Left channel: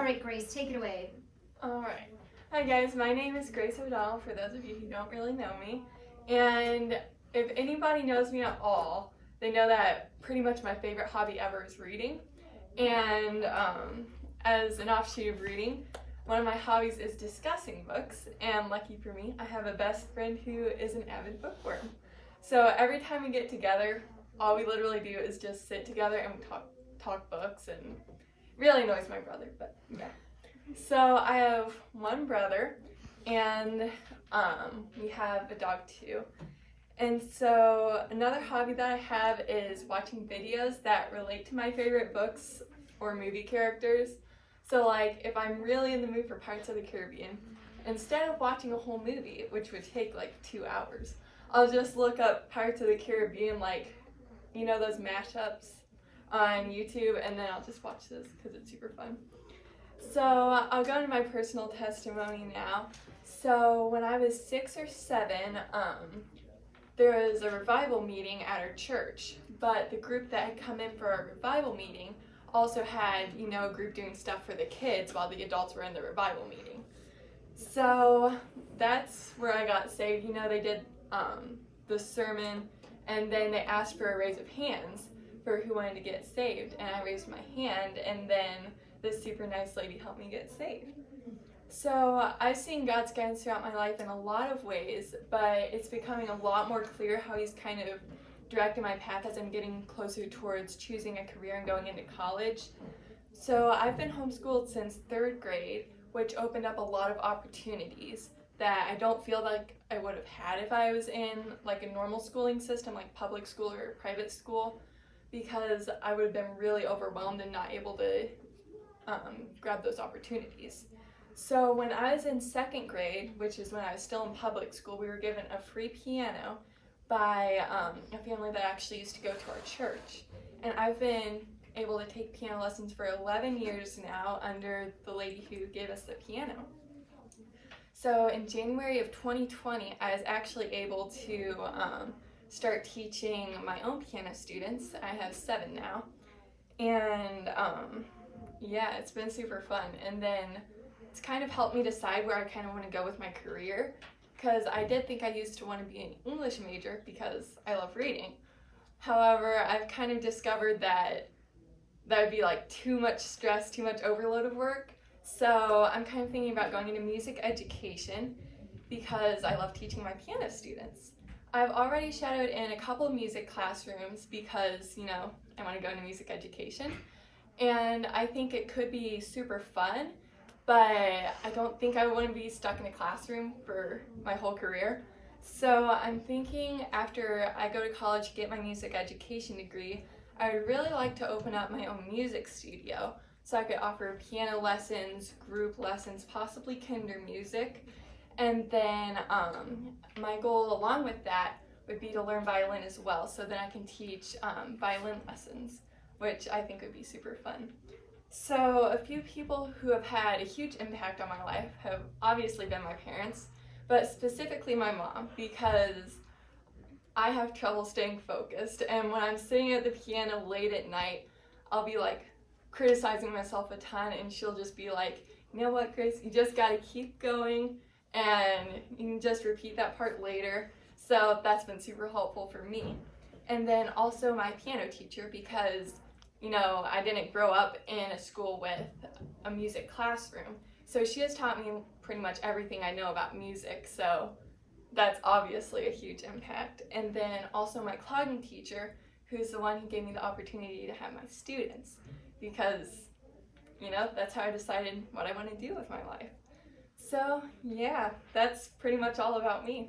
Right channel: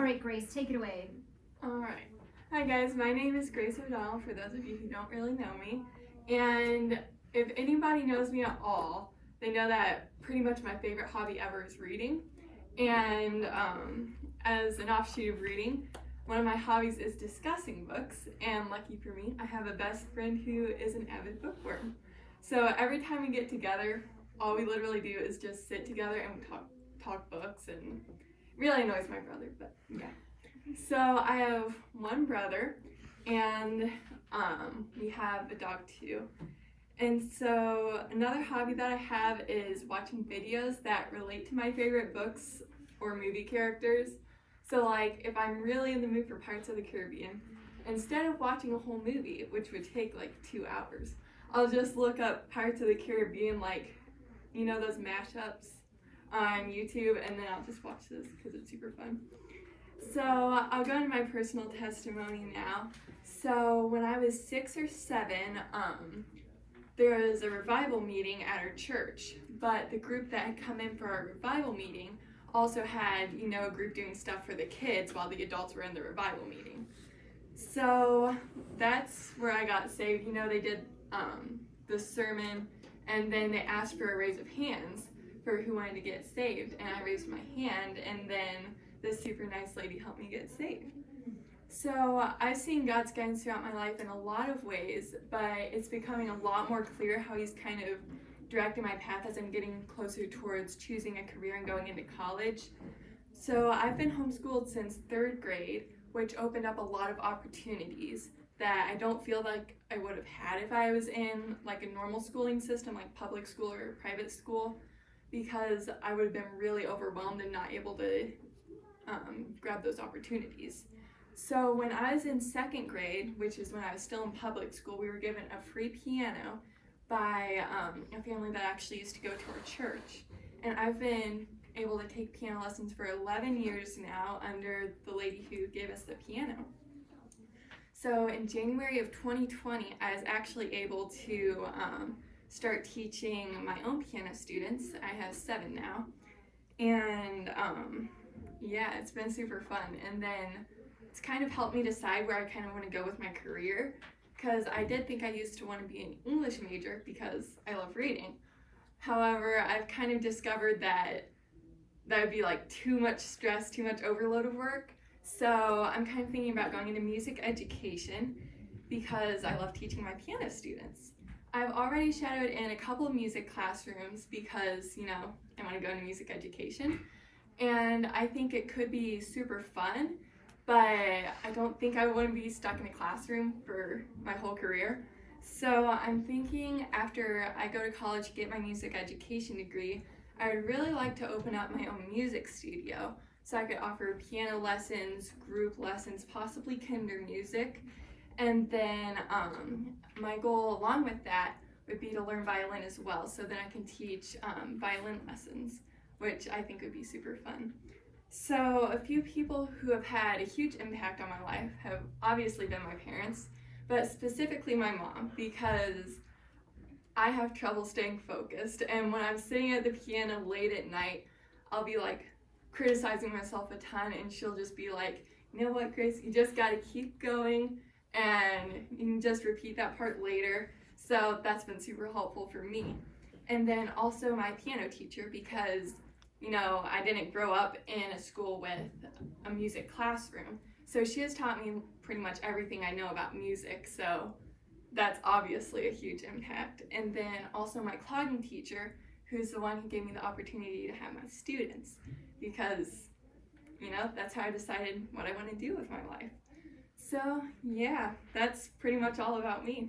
All right, Grace, take it away. All right. Hi guys, my name is Grace O'Donnell, for those of you who don't really know me. And if anybody knows me at all, they know that pretty much my favorite hobby ever is reading. And as an offshoot of reading, one of my hobbies is discussing books, and lucky for me, I have a best friend who is an avid bookworm. So every time we get together, all we literally do is just sit together and we talk books, and really annoys my brother, but yeah. So I have one brother, and we have a dog too. And so another hobby that I have is watching videos that relate to my favorite books or movie characters. So like if I'm really in the mood for Pirates of the Caribbean, instead of watching a whole movie, which would take like 2 hours, I'll just look up Pirates of the Caribbean, like, you know, those mashups on YouTube, and then I'll just watch those because it's super fun. So I'll go into my personal testimony now. So when I was 6 or 7, there was a revival meeting at our church, but the group that had come in for our revival meeting also had, you know, a group doing stuff for the kids while the adults were in the revival meeting. So that's where I got saved. You know, they did the sermon, and then they asked for a raise of hands for who wanted to get saved, and I raised my hand, and then this super nice lady helped me get saved. So I've seen God's guidance throughout my life in a lot of ways, but it's becoming a lot more clear how He's kind of directing my path as I'm getting closer towards choosing a career and going into college. So I've been homeschooled since 3rd grade, which opened up a lot of opportunities that I don't feel like I would have had if I was in like a normal schooling system, like public school or private school, because I would have been really overwhelmed and not able to grab those opportunities. So when I was in 2nd grade, which is when I was still in public school, we were given a free piano by a family that actually used to go to our church. And I've been able to take piano lessons for 11 years now under the lady who gave us the piano. So in January of 2020, I was actually able to start teaching my own piano students. I have 7 now. And yeah, it's been super fun. And then it's kind of helped me decide where I kind of want to go with my career, because I did think I used to want to be an English major because I love reading. However, I've kind of discovered that would be like too much stress, too much overload of work. So I'm kind of thinking about going into music education because I love teaching my piano students. I've already shadowed in a couple of music classrooms because, you know, I want to go into music education. And I think it could be super fun, but I don't think I want to be stuck in a classroom for my whole career. So I'm thinking after I go to college to get my music education degree, I would really like to open up my own music studio so I could offer piano lessons, group lessons, possibly kinder music. And then my goal along with that would be to learn violin as well, so that I can teach violin lessons, which I think would be super fun. So a few people who have had a huge impact on my life have obviously been my parents, but specifically my mom, because I have trouble staying focused, and when I'm sitting at the piano late at night, I'll be like criticizing myself a ton, and she'll just be like, you know what, Grace, you just gotta keep going, and you can just repeat that part later. So that's been super helpful for me. And then also my piano teacher, because, you know, I didn't grow up in a school with a music classroom. So she has taught me pretty much everything I know about music, so that's obviously a huge impact. And then also my clogging teacher, who's the one who gave me the opportunity to have my students, because, you know, that's how I decided what I want to do with my life. So yeah, that's pretty much all about me.